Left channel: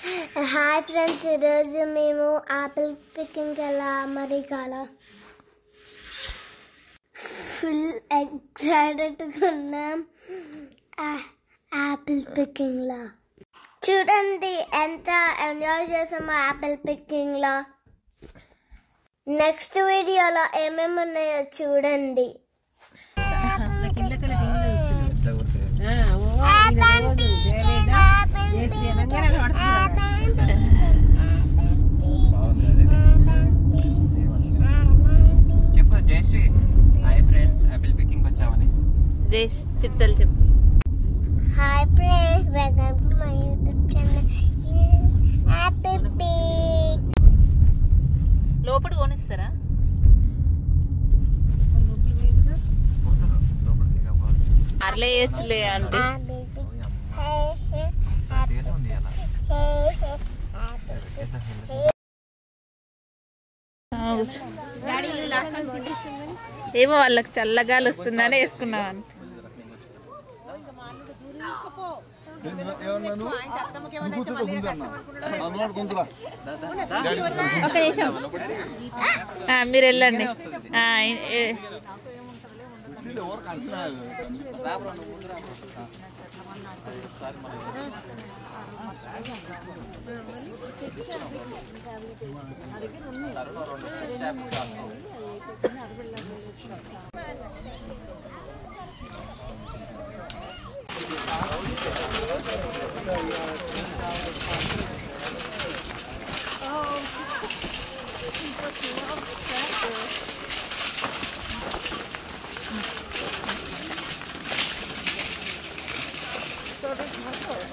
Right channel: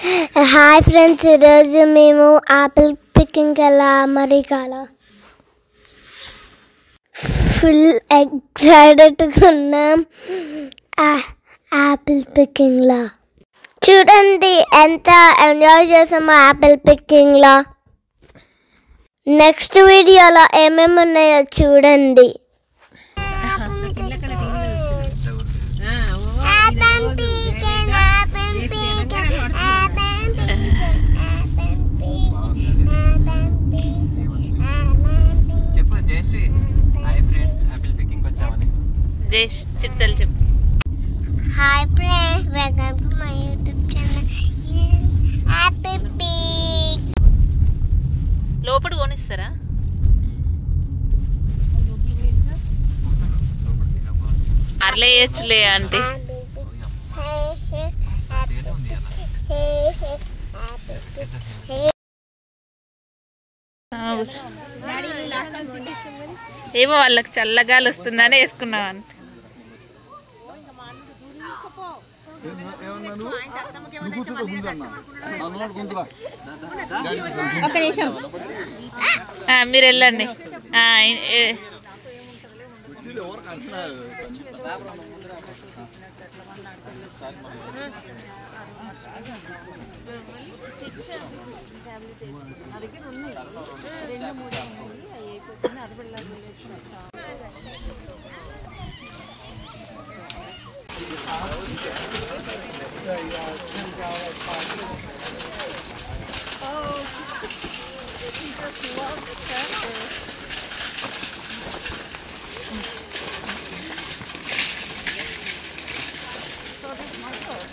Hi friends, ఈరోజు మేము Apple picking అమెరికాలో ఫుల్ ఎక్సైటెడ్గా ఉన్నాం. యాపిల్ పికింగ్లో చూడండి ఎంత ఎంజాయ్ చేసామో యాపిల్ పికింగ్లో. నెక్స్ట్ వీడియోలో ఏమేమి ఉన్నాయో చూడండి. చిట్టాలు చెప్పు. Hi friends, welcome to my YouTube channel apple pick. లోపల కొనిస్తారా? అర్లే వేయచ్చులే అంటే ఏమో వాళ్ళకి చల్లగాలి వస్తుందని వేసుకున్నాం అంత. మీరు వెళ్ళండి.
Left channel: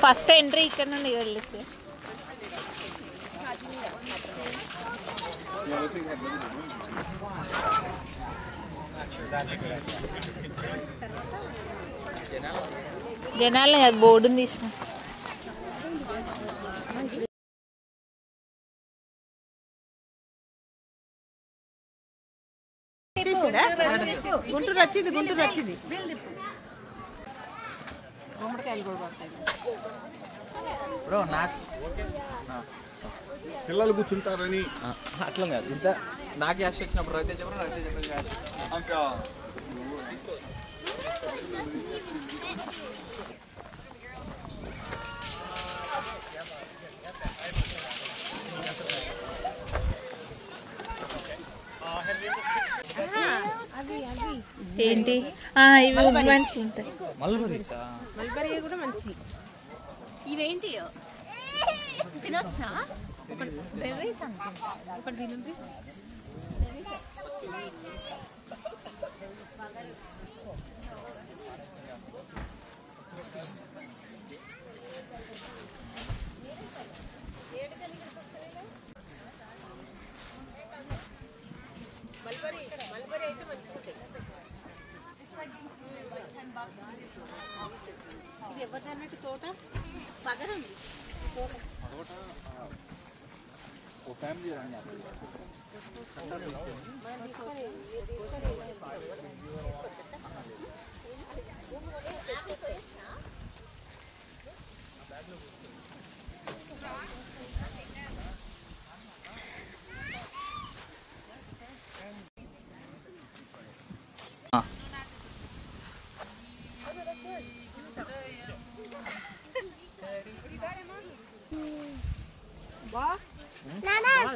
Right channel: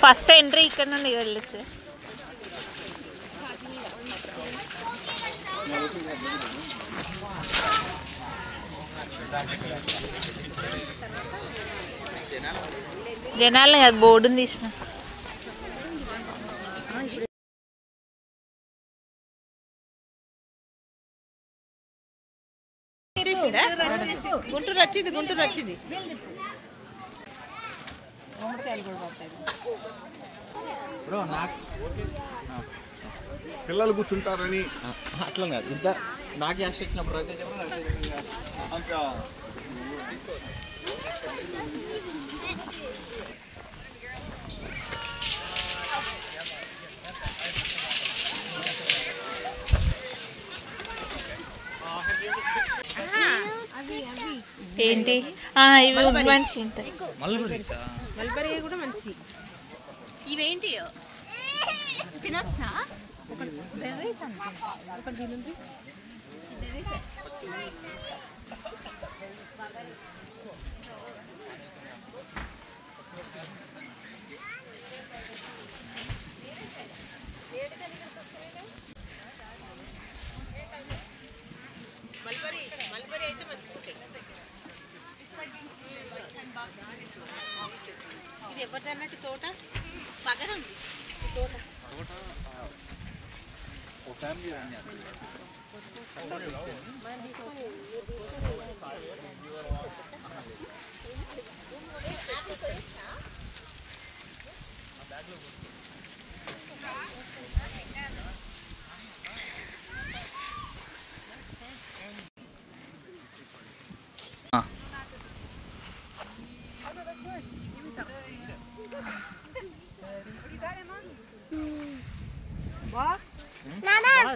ఫస్ట్ ఎంట్రీ ఇక్కడ నుండి వెళ్ళచ్చు. జనాలు అది బోర్డుని తీసిన. గుంటూరు వచ్చింది పిల్లలు కూర్చుంటారని అట్లా కాదు, ఇంత నాకు యాక్ట్ వచ్చినప్పుడు అయితే ఏంటి ఇవి మంచి ఉంటాయి. మల్బరీ కూడా మంచి. ఇవేంటి తినొచ్చా? మల్బరీ అయితే మంచిగా ఉంటాయి. ఇది ఎవరిది అన్నట్టు తోట పగరండి. తోట ఫ్యామిలీ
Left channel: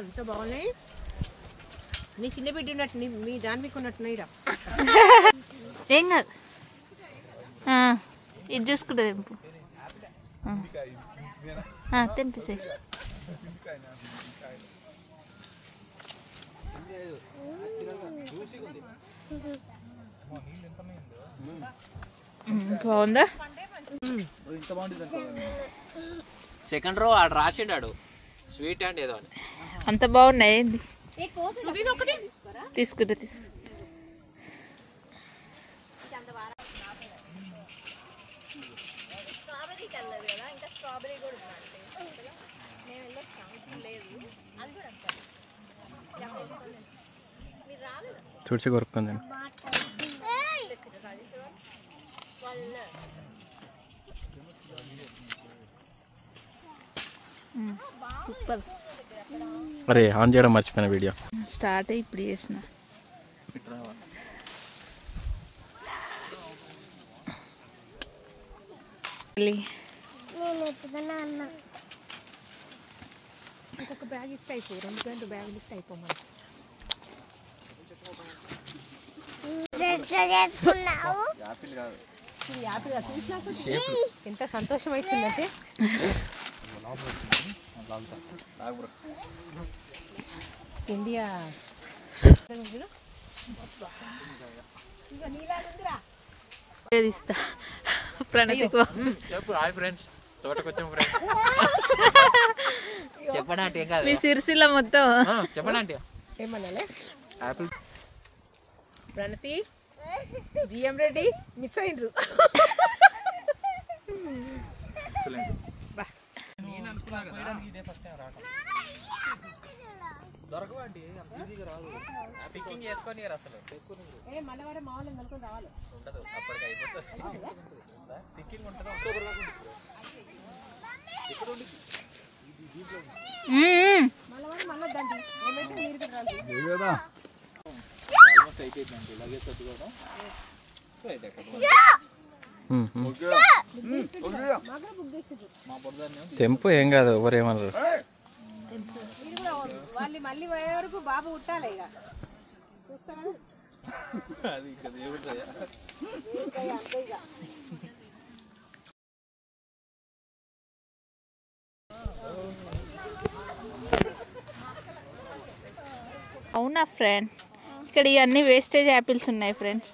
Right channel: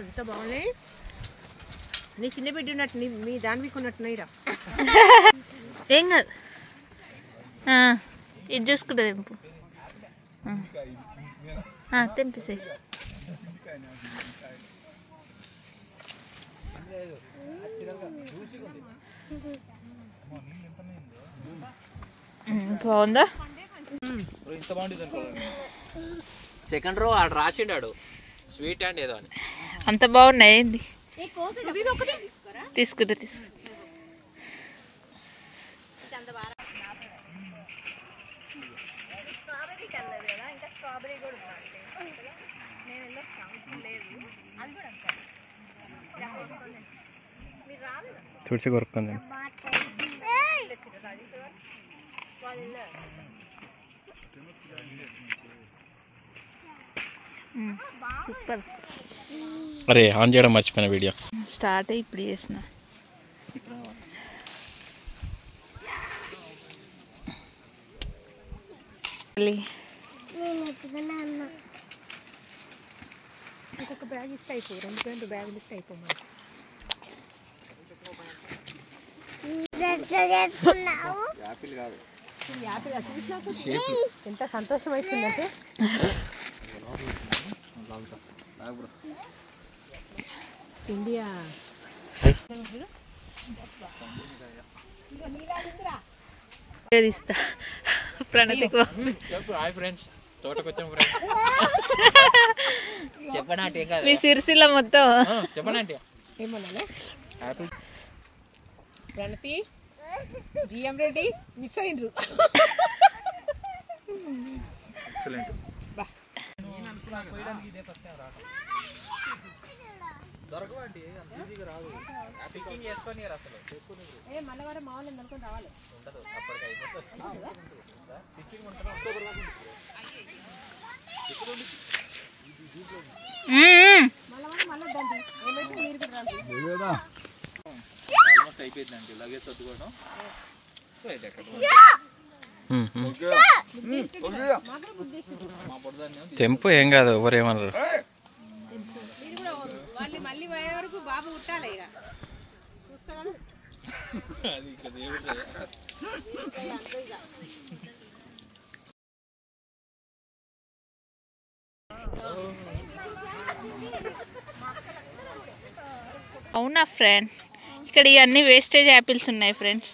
ఎంత బాగున్నాయి. నీ చిన్న బిడ్డ ఉన్నట్టు మీ దాని మీకు ఉన్నట్టున్నాయి. ఏం కాదు, ఇది చూసుకుంటే తెంపు. తెంపేసే. బాగుందా? సెకండ్ రో ఆడు రాసిండాడు స్వీట్ అండ్ ఏదో అని. అంత బాగున్నాయి. ఏంది తీసుకుంటా తుడిచి కొరుక్కుంది. సూపర్. అరే ఆన్ చేయడం మర్చిపోయిన వీడియో. స్టార్ట్ ఇప్పుడు చేసిన. ఇంకొక బ్యాగ్ ఇస్తే అయిపో, 2 బ్యాగులు ఇస్తే అయిపోమా. ఎంత సంతోషం అవుతుందంటే ఇండియా ఇస్తా ప్రణతికి. హాయ్ ఫ్రెండ్స్, తోటకొచ్చాం ఫ్రెండ్స్. చెప్పండి ఏం కాదు. మీ సిరిసిల్ల మొత్తం చెప్పండి ఏమన్నా apple. Pranathi GM Reddy miss అయినరు. మల్లవారం మామూలు అనుకుని రావాలి. తెంపు ఏం కాదు, ఎవరేమన్నారు. వాళ్ళు మళ్ళీ పోయే వరకు బాబు ఉట్టాలి ఇక. చూస్తా కదా అవునా ఫ్రెండ్, ఇక్కడ ఇవన్నీ వేస్టేజ్ యాపిల్స్ ఉన్నాయి ఫ్రెండ్స్.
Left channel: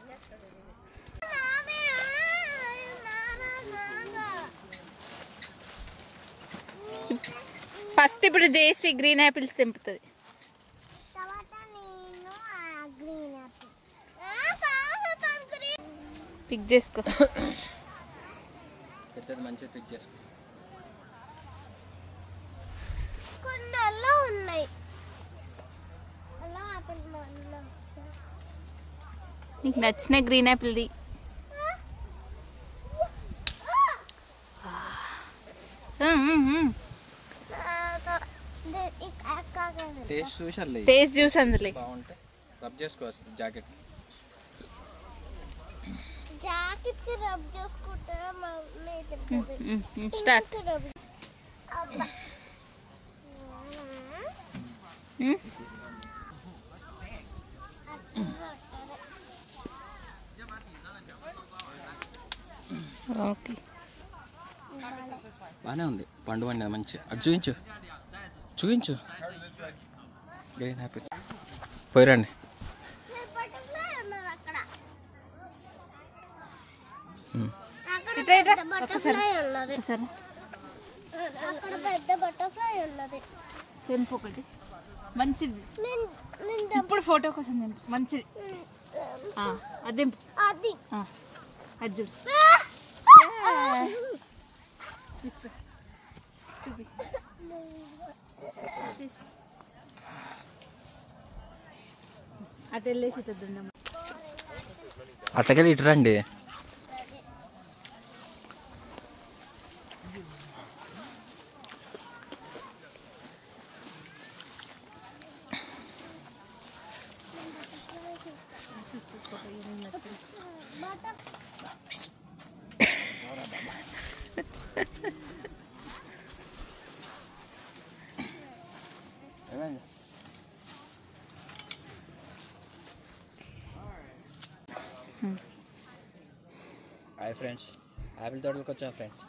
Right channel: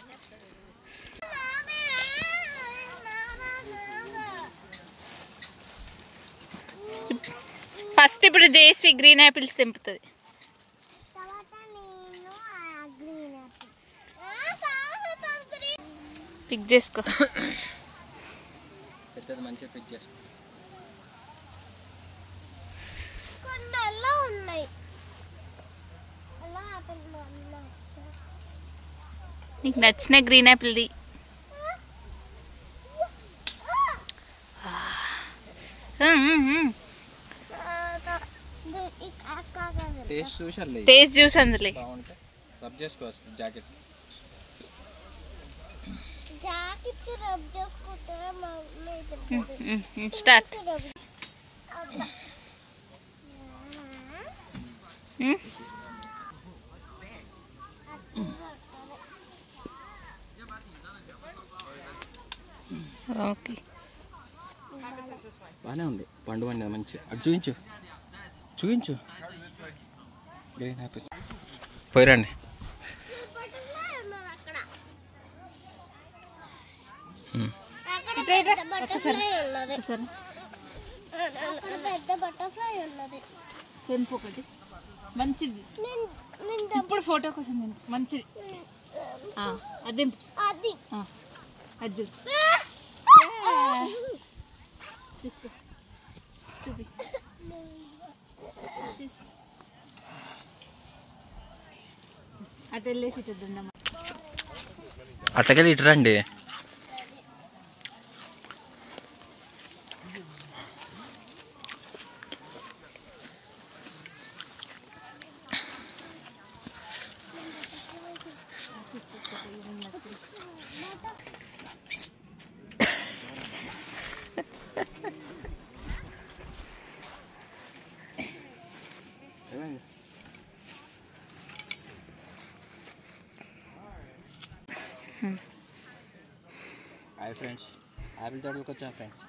ఫస్ట్ ఇప్పుడు జయశ్రీ గ్రీన్ యాపిల్స్ తెంపుతుంది. పిక్ చేసుకో. మంచిగా పిక్ చేసుకో. నీకు నచ్చిన గ్రీన్ యాపిల్ది. టేస్ట్ చూసారులే, టేస్ట్ జ్యూస్ అందులో బాగుంటే రబ్ చేసుకోవచ్చు. Jacket start. ఓకే, బాగానే ఉంది. పండు పండి మంచిగా. అటు చూపించు చూపించు. Green happy పోయిరండి. తెంపు ఒకటి మంచిది. ఇప్పుడు ఫోటో కోసం తెంపు మంచిది. అది అది చూపి. అటు వెళ్ళేసి ఇటుందమ్మా. అట్టకెళ్ళి ఇటు రండి. హాయ్ ఫ్రెండ్స్, యాపిల్ తోటలకు వచ్చా ఫ్రెండ్స్.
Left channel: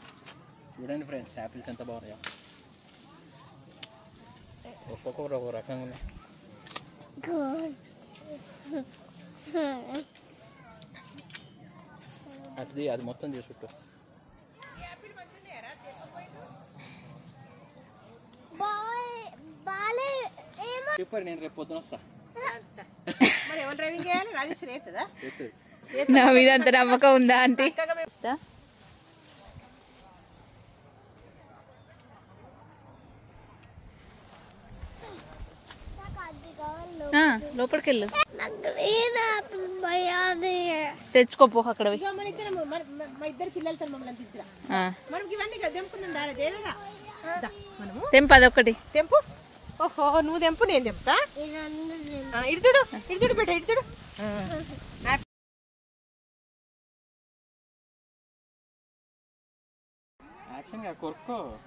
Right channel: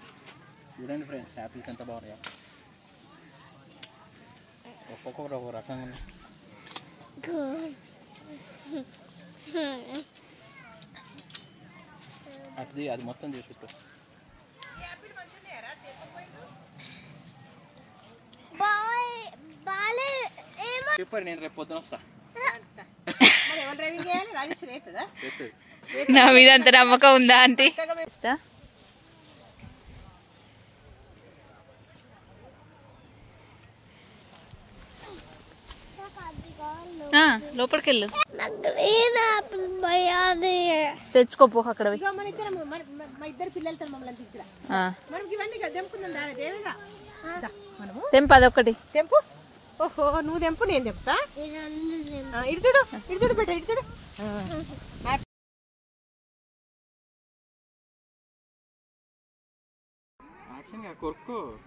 చూడండి ఫ్రెండ్స్, యాపిల్స్ ఎంత బాగున్నాయో. ఒక్కొక్కరు ఒక రకంగా ఉన్నాయి. అది మొత్తం చేసుకుంటూ చెప్పారు. నేను రేపు పొద్దున వస్తా. నా మీద అంత నమ్మకం ఉందా ఆంటీ? లోపలికి వెళ్ళు. తెచ్చుకోపో అక్కడ పోయి. ఇగో మన ఇద్దరం మా ఇద్దరు పిల్లలతో మమ్మల్ని తీసుకురా. మనం ఇవన్నీ తెంపుకుందాం దాని దేవిగా మనము తెంపు అదొకటి తెంపు. ఓహో నువ్వు తెంపు నేను తెంపుతా. ఇటు చూడు బిడ్డ ఇటు చూడు.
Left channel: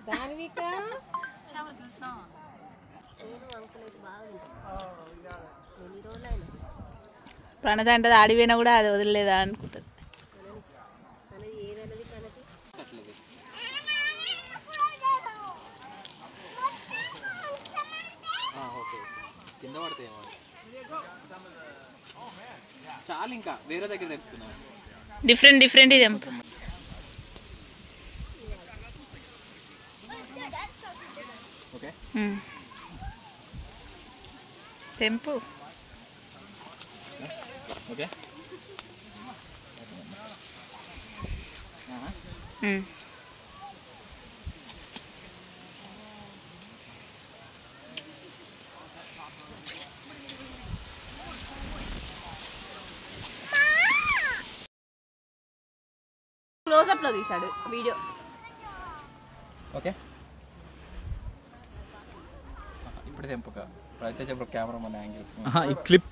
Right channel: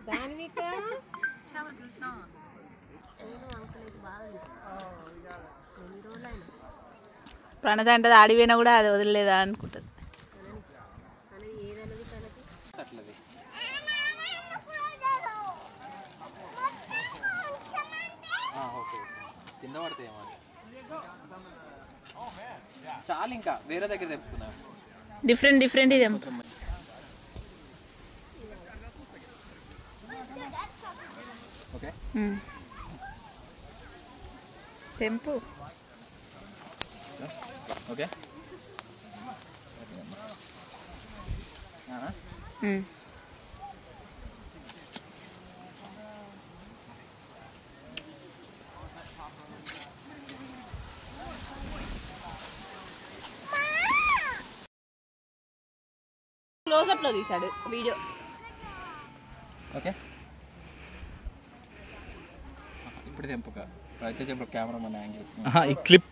దానివిక ప్రణత అంటే ఆడిపోయినా కూడా అది వదిలేదా అనుకుంటుంది. కింద పడతాయేమో చాలు, ఇంకా వేరే దగ్గర తెప్పుకుందాం. డిఫరెంట్ తెంపు. ఓకే తెంపు. ఓకే క్లోజప్ లో తీసాడు వీడియో. ఓకే ఇప్పుడు తెంపుక అయితే చెప్పు కెమెరా మన యాంగిల్ ఈ క్లిప్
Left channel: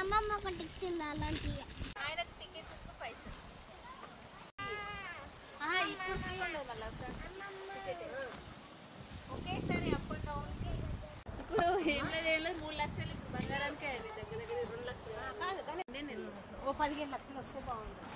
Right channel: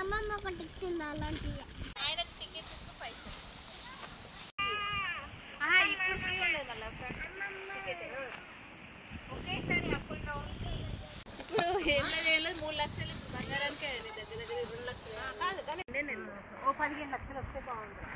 అమ్మమ్మ ఒకటి ఇచ్చింది అలాంటివి. ఇప్పుడు 3 లక్షలు బంగారానికి దగ్గర 2 లక్షలు కాదు కానీ ఓ 15 లక్షలు వస్తే బాగుంటుంది.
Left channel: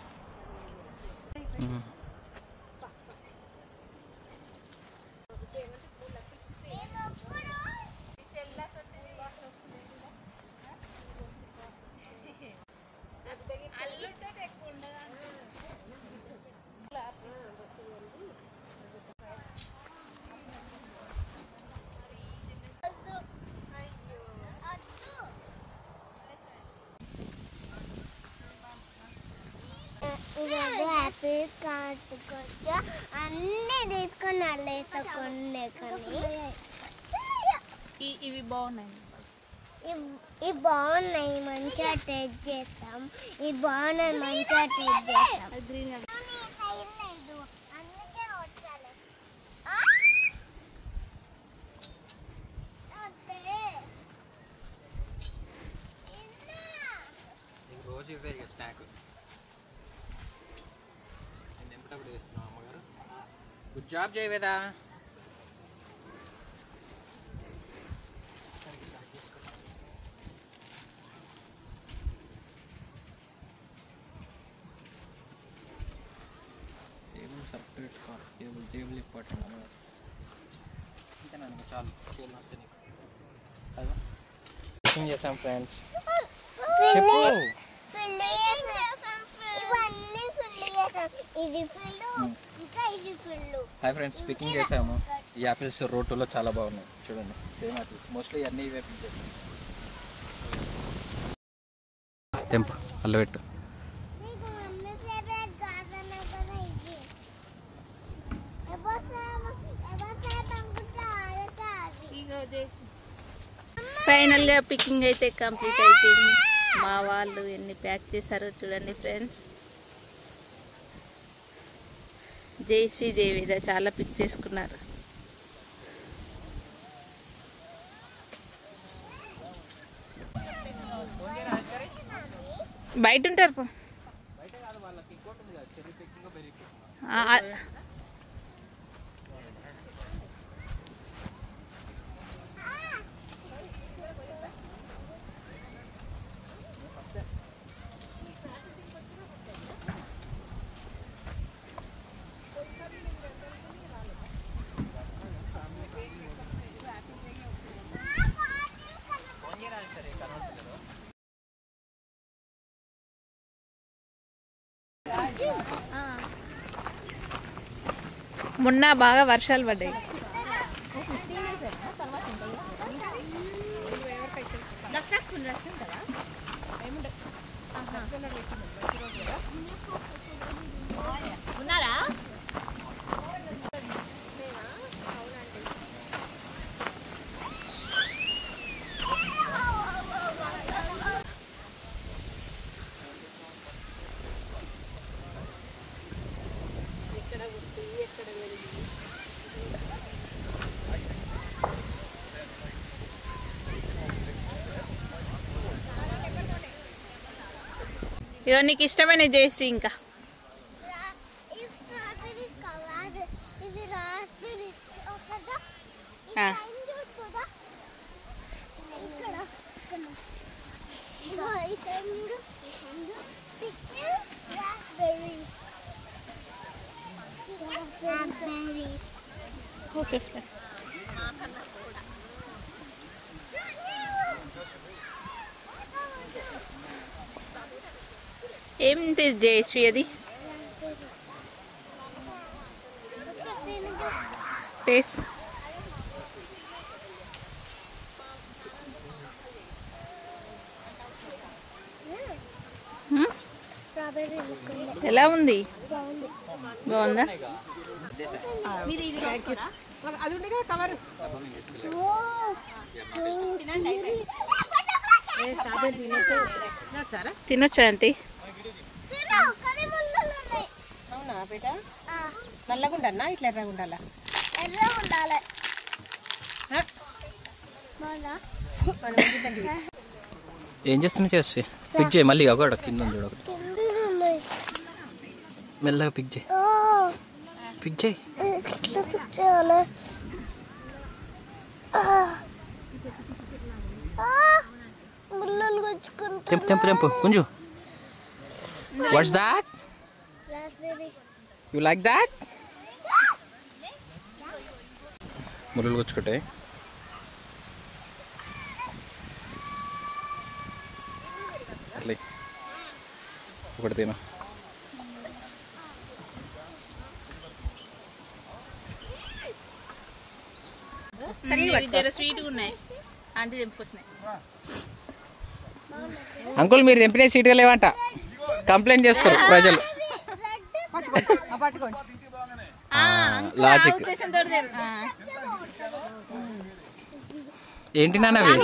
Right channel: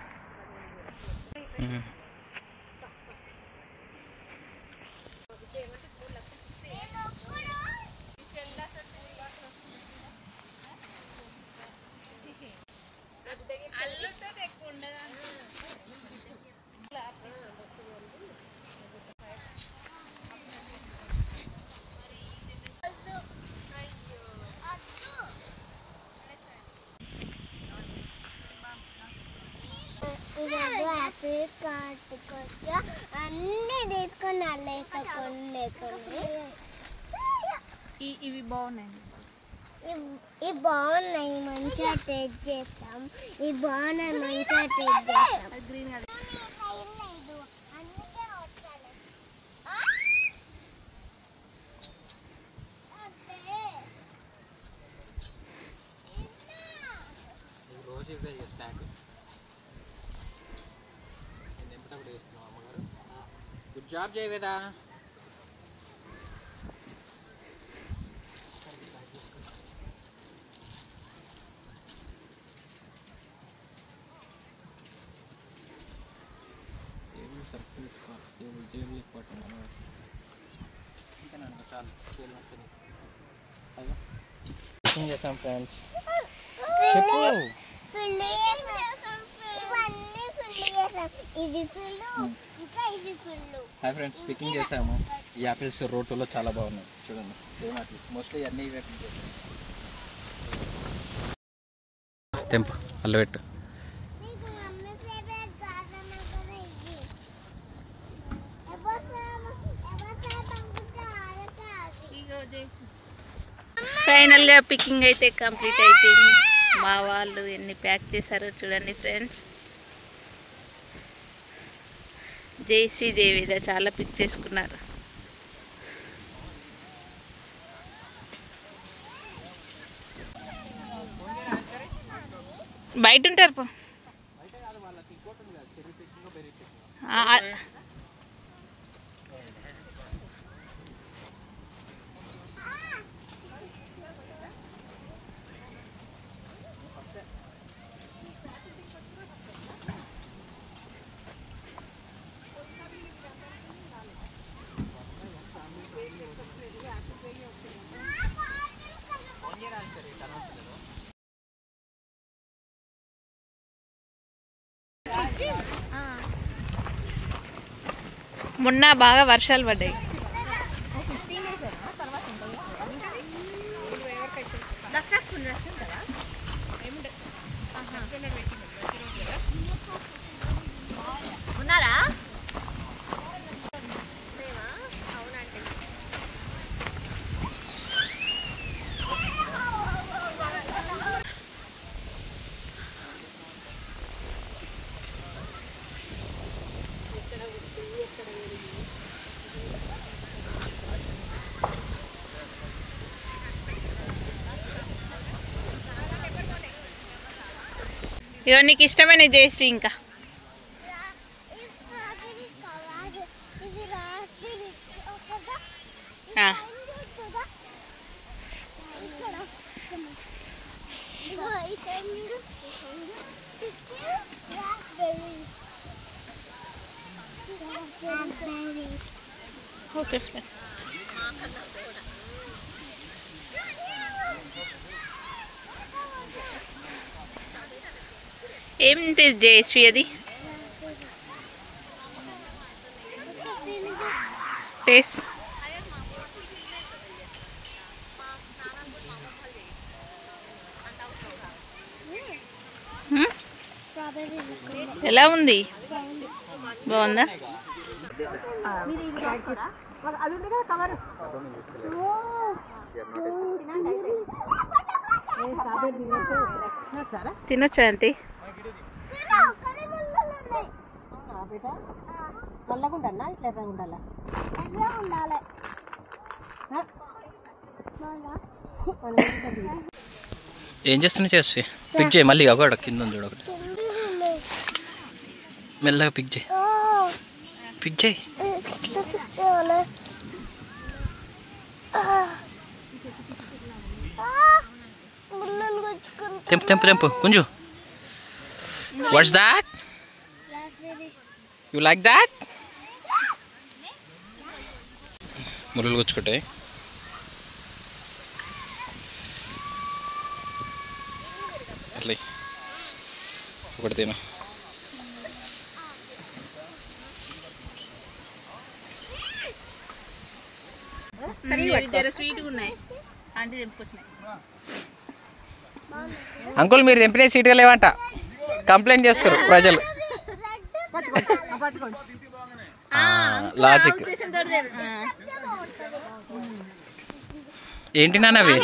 యాపిల్ కాటుకొచ్చా అన్నీ తీసుకొని అల్లేసుకొని ఇవి బాగున్నాయి. ఇవి బాగున్నాయి, మంచిగా టేస్ట్ చేస్తాం. ఇవి బాగున్నాయి, మంచిగా టేస్ట్ చేస్తాం. గ్రీన్ అందుకే వచ్చాను. రోజు ఇవే ఇక స్నాక్. నేను ఎంపటప్పుడు వేస్తున్నావు అమ్మగారు. గుడ్ జాబ్ చేయవేదా. టేబుల్ ఇంపార్టెంట్ అమ్మగారు. ఇంకా నన్ను చాలు చేయాలి వస్తే నీకు కదా కుకింగ్ చేసాం ఫ్రెండ్స్. చెప్పు. హాయ్ ఫ్రెండ్స్, పికింగ్ చేసాము. ఈ యాపిల్స్ రోటోలో చాలా బాగున్నాయి చూడండి. సేమ్ యాపిల్స్ మోస్ట్లీ అన్నీ ఇవే పిక్ చేస్తాను. తెంపు అల్లు పెట్టు. ఫైనల్గా పికింగ్ అయితే కంప్లీట్ అయిపోయింది. మా వాళ్ళు ఎన్ని ప్యాక్ చేశారో చూడండి ఫ్రెండ్స్. జయశ్రీ దేవిద చాలా పిక్ చేసుకున్నారు. బయట ఉంటారు పో. మొన్న బాగా వర్షాలు పడ్డాయి. ఉన్నారా? ఇవో నీకు ఇష్టమైన జయశ్రీ. ఇంకా ఓకే ఫ్రెండ్. ఏంటి జయశ్రీ అది? టేస్ట్ ఎలా ఉంది? బాగుందా? అది ఉంది కదా కవర్. తినొచ్చా ఆంటీ? అవునా బేట? నల్లగుండన్నా ఇట్లా ఎర్రగుండాలా? ఉండాలి. ఏం చేస్తున్నా చేసి పిక్ చేయి మళ్ళీ. ఒకటి కింద ఉంది చూడ, ఒకటి మెల్లగా పిక్ చేయి. పిక్ చేయి. తెంపు తెంపు తెంపు కొంచెం. What's that? You like that? ముళ్ళు గుచ్చుకుంటాయి. అట్లా ఒకటి తిన. స్వీట్గా ఉన్నాయి ఆంటీ తెంపుకొచ్చినాయి. అంకుల్ మీరు తెంపిన సీట్గా లేవంట, కంప్లైంట్ చేస్తారు ప్రజలు. లాజిక్ ఏంటి నాన్న అవి?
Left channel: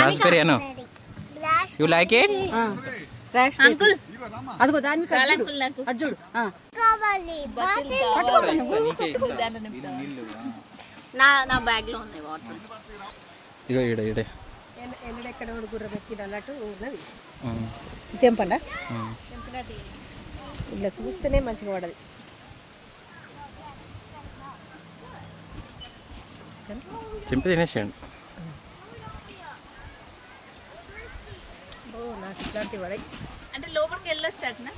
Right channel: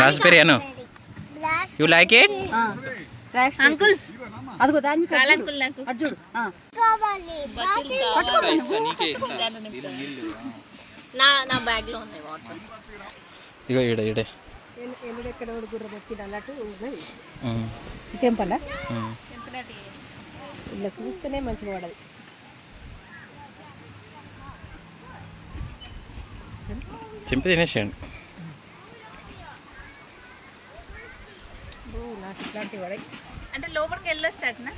Raspberry Anu. You like it? Uncle అదిగో దాన్ని నా బ్యాగ్ లో ఉన్నాయి వాటర్. ఇగో ఈడ ఈడే ఎక్కడ గుర్ర మొక్కిన అన్నట్టు ఉన్నది. తెంపండా? ఇలా చూస్తేనే మంచిగా పడదు. చింపి తినేసేయండి. నాకు ఇట్లాంటివి పడాయి. అంటే లోపలికి వెళ్ళొచ్చు అట్నా?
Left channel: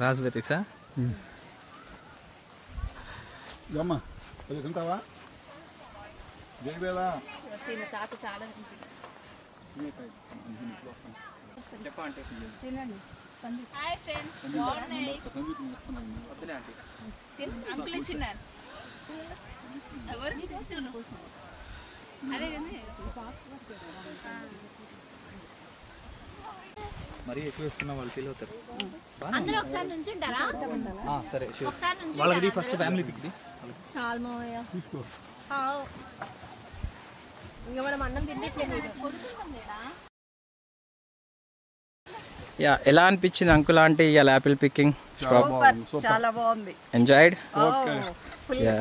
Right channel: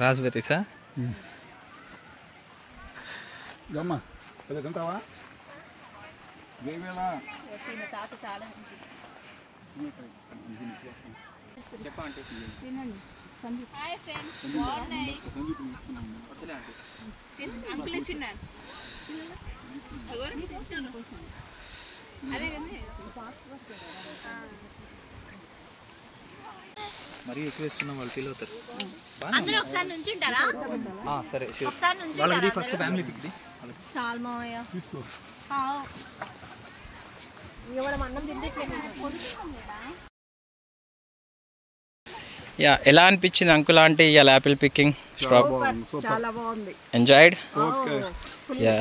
రాస్బెర్రీసా? Gama, ada kentawa? Bela. Uncle చిన్న మరీ ఎక్కువ వేసుకున్న వాళ్ళు ఫీల్ అవుతారు. అందరూ ఒకసారి నుంచి ఉంటారా? సరే ఒకసారి నుంచి వాళ్ళకి ఫస్ట్ ఫ్యామిలీ పిక్ది. చాలు మావయ్య. ఇంకా మనం అన్నం తింటే యా, ఎలా అనిపించింది అంకుల్ ఆంటీ ఇవాళ యాపిల్ పికింగ్? చాలా బాగుంది. ఎంజాయ్డ్? యా.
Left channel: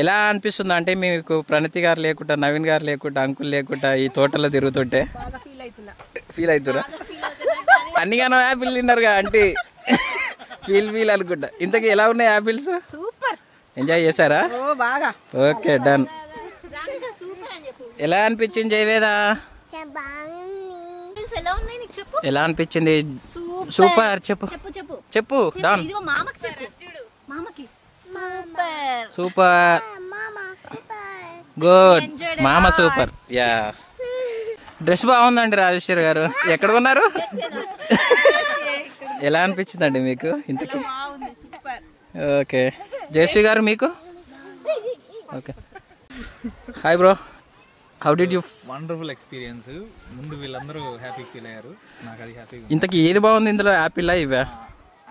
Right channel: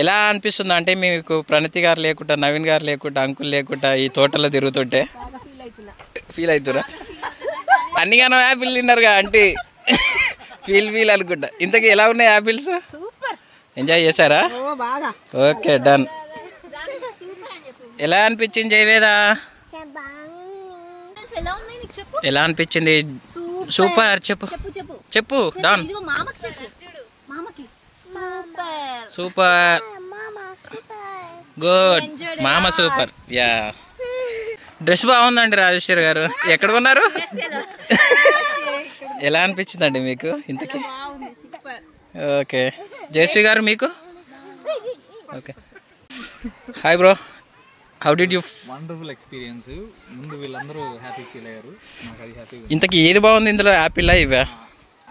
ఎలా అనిపిస్తుంది అంటే మీకు ప్రణతి గారు లేకుండా, నవీన్ గారు లేకుండా, అంకుల్ లేకుండా ఈ తోటలో తిరుగుతుంటే? ఫీల్ అవుతురా? అన్నిగానో యాపిల్ తిన్నారుగా అంటే ఫీల్ అనుకుంటా. ఇంతకీ ఎలా ఉన్నాయి యాపిల్స్? ఎంజాయ్ చేశారా? Okay done. ఎలా అనిపించింది జయవేద? ఎలా అనిపించింది? సూపర్. చెప్పు డాన్. సూపర్ గుడ్ మామ సూపర్. యా డ్రెస్ బాగుందండి రాజేశ్వరి గారు. ఎక్కడ కొన్నారు? ఎలా అనిపించిందండి మీకు ఇంతకీ? ఓకే జయశ్రీ గారు మీకు? Okay hi bro, how did you? Wonderful experience. ముందు వీళ్ళందరూ హ్యాపీ ఫీల్ అయ్యారు, నాకు అది హ్యాపీ. ఇంతకీ ఏది బాగుంది ఇందులో, యాపిల్ ఇవా?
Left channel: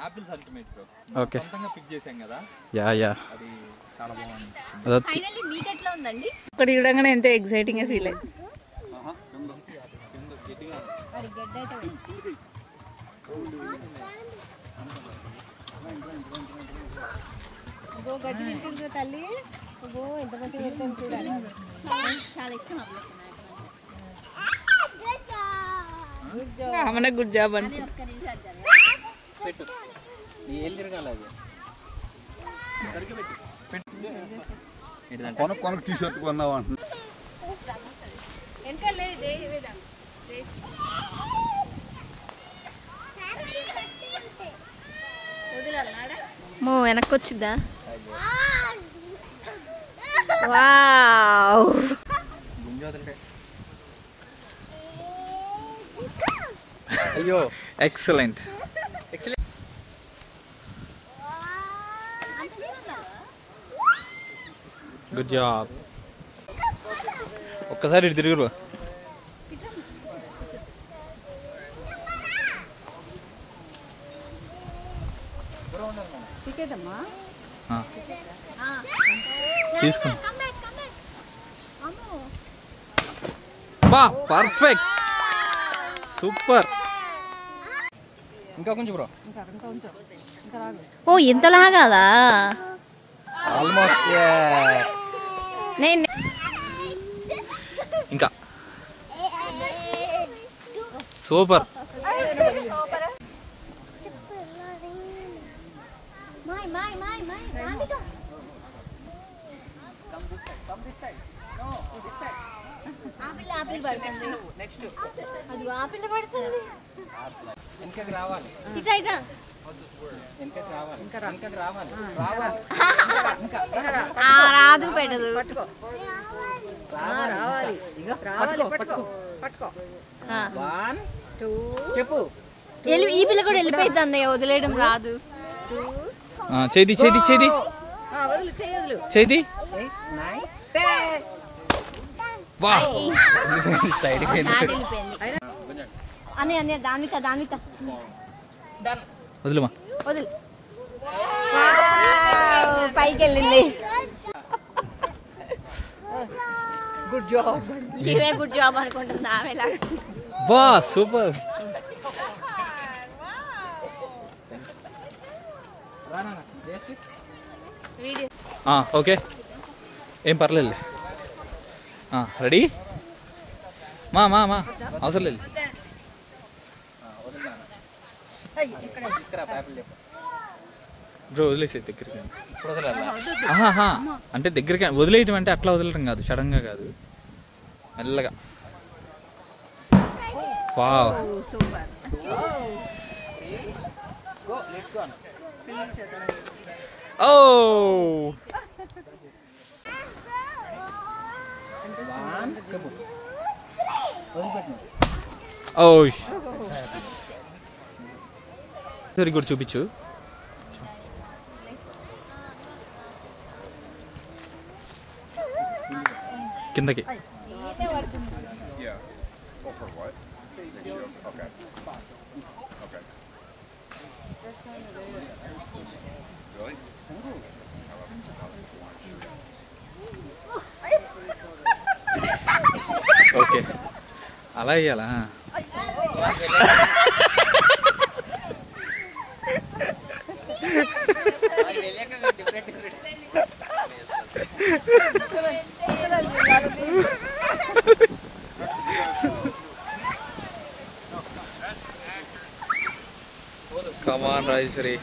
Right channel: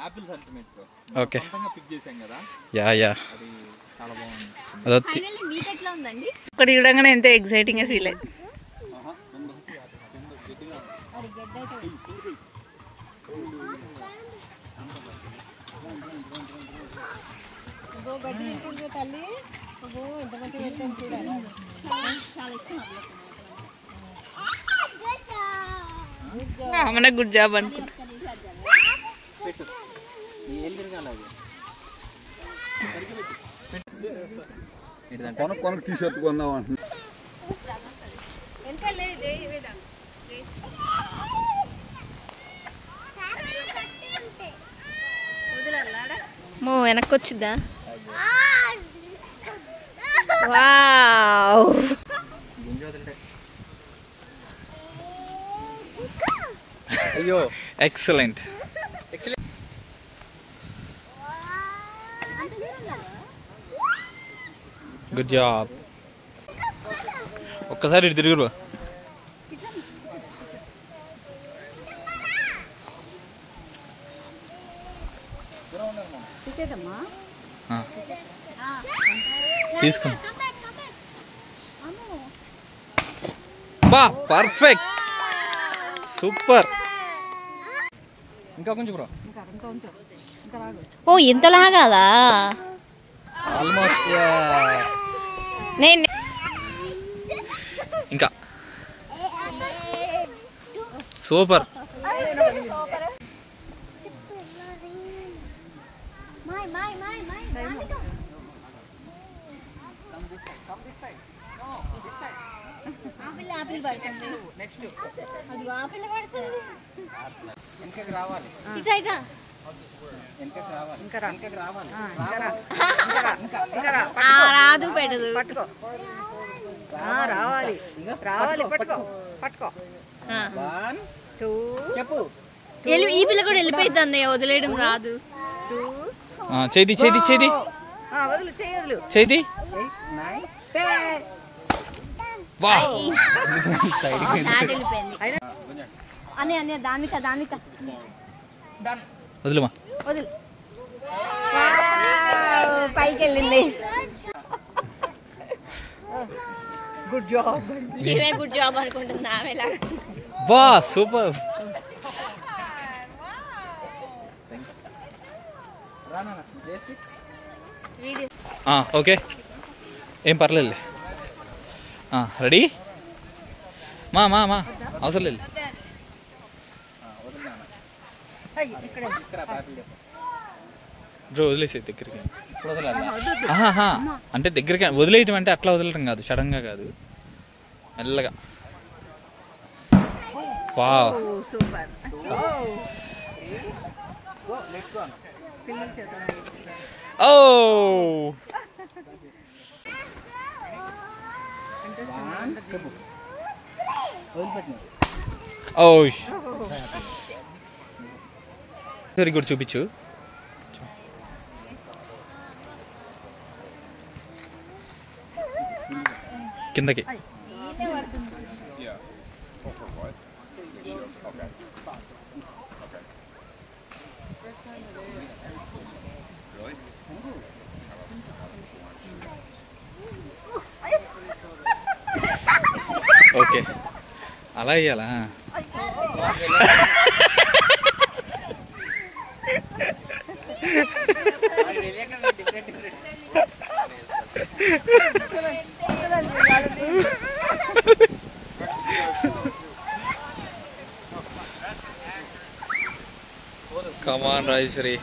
Apples ultimate bro. Okay pick చేసాం కదా, యా అది చాలా బాగుంది. ఇక్కడ చూడగానే ఎంతో ఎక్సైటింగ్ గా ఫీల్ అయ్యింది. మన గుడ్ జాబ్ అనుకుంటా. కొన టీ షర్ట్ కొన్నావా? వెనక్కి వచ్చిద్దా? వావ్ అయ్యో ఎక్సలెంట్. Good job. ఒక్కసారి ఇటు తిరుగురు. తీసుకో. బా పర్ఫెక్ట్, సూపర్. ఇంకా కొంచెం బ్రో. ఓ ఇంతలా కాదా? ఆల్మోస్ట్. ఇంకా సూపర్. రాదు పెట్టదు. చెప్పు. ఈ పిల్ల కూడా వెళ్ళిపోయింది అన్నయ్య, వదిలేయడం రాదు. చేది చేది చేది చేది. అన్నయ్య దానిక వదిలేమా. వదిలి పైకి వెళ్ళింది. Good job. ఇవే గుడ్ జాబ్ అనుకుంటుంది ఆమె. బా సూపర్. ఓకే ఏం పర్లేదు. రెడీ మా మా మా అవసరం లేదు. వదిలేసే దగ్గరికి. అంటే దగ్గరికి వదిలేయటం అంటే అట్లా వదలటం కాదు, సడన్ గా కాదు, మెల్లగా. Wow super. Oh very good. చూపించు. కిందకి. ఓకే అలా ఇయ్యాలా? కమాన్ రాజేశ్వరి.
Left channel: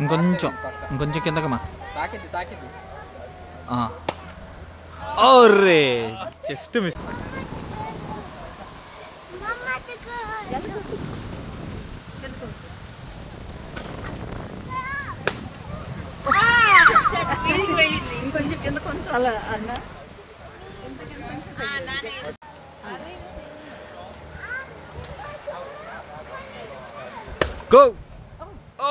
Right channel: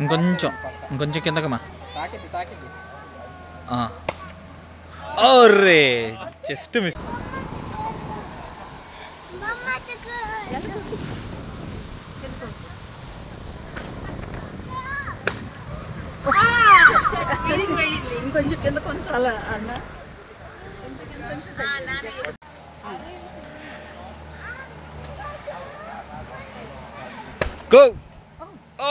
ఇంకొంచెం కిందకమ్మా. ఓరే జస్ట్ మిస్. ఇంకొంచెం కింద కొంచెం అలా అన్న గో. ఓ